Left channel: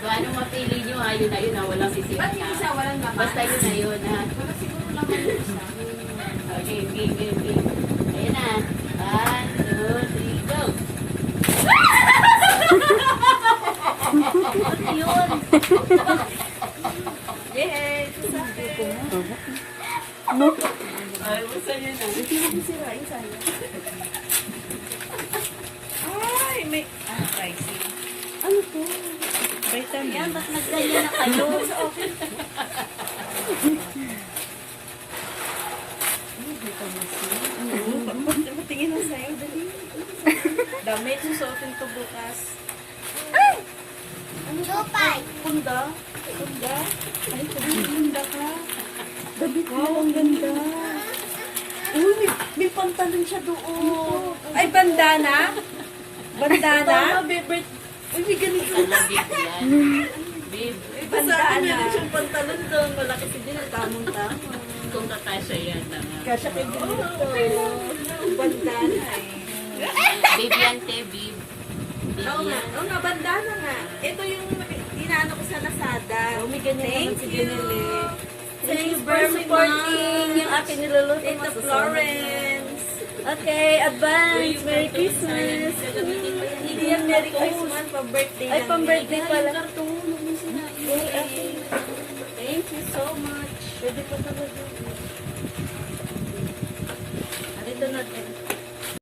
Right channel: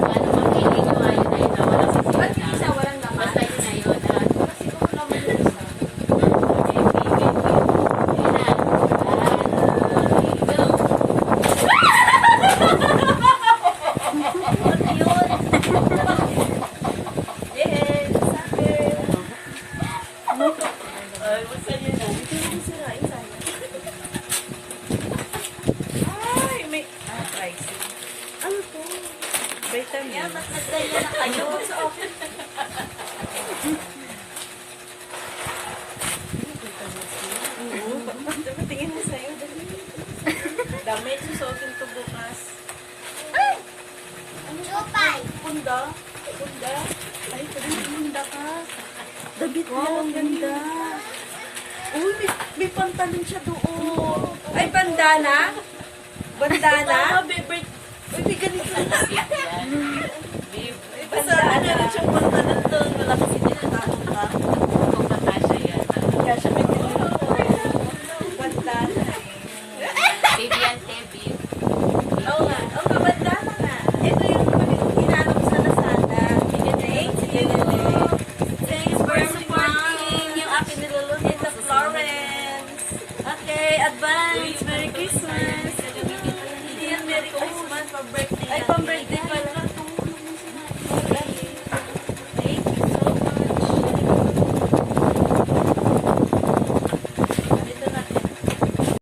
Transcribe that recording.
Wala namang pili nyo. Ayun na yun. Wala sa sila Ba't yung isa walang naman? Basta yun na yun. Parang siguro naman yung isa. Okay. Ayun na. Go. Yay! Sabi! Ay, basta yun na. Hindi mo sirain, sayang. Ay, may... pricing. Ano to? Vitamin. Yan, ba't nagganyan na kayo? Sa akin. Tingin mo sa'yo, dali. Damit, susuotin ko bukas. Ay! Chopay. Punda. Punda. Ay, punda ka. Damit mo, ang ganda. Uy, may pantalon siya doon. Ay, bandana? Bandana? Babe, ay, may ganito. Bib yan. Bib. Bandana niya na siyang pantalon doon. Malaki si Dina, tamang ka. Kung Natasha yan. Kaya siya pinili ko. Bandana eh. Bib yan, te. Bib. Bib Oo nga, yan. oo nga, bandana nga. Ito yung inaano ko sa Lazada. Thanks, thanks for supporting yung aking niluluto. Tita Florence. Okay, advance. Merry Christmas. Hindi yan Merry Christmas. Pa-birthday. Ay, pang-birthday pala.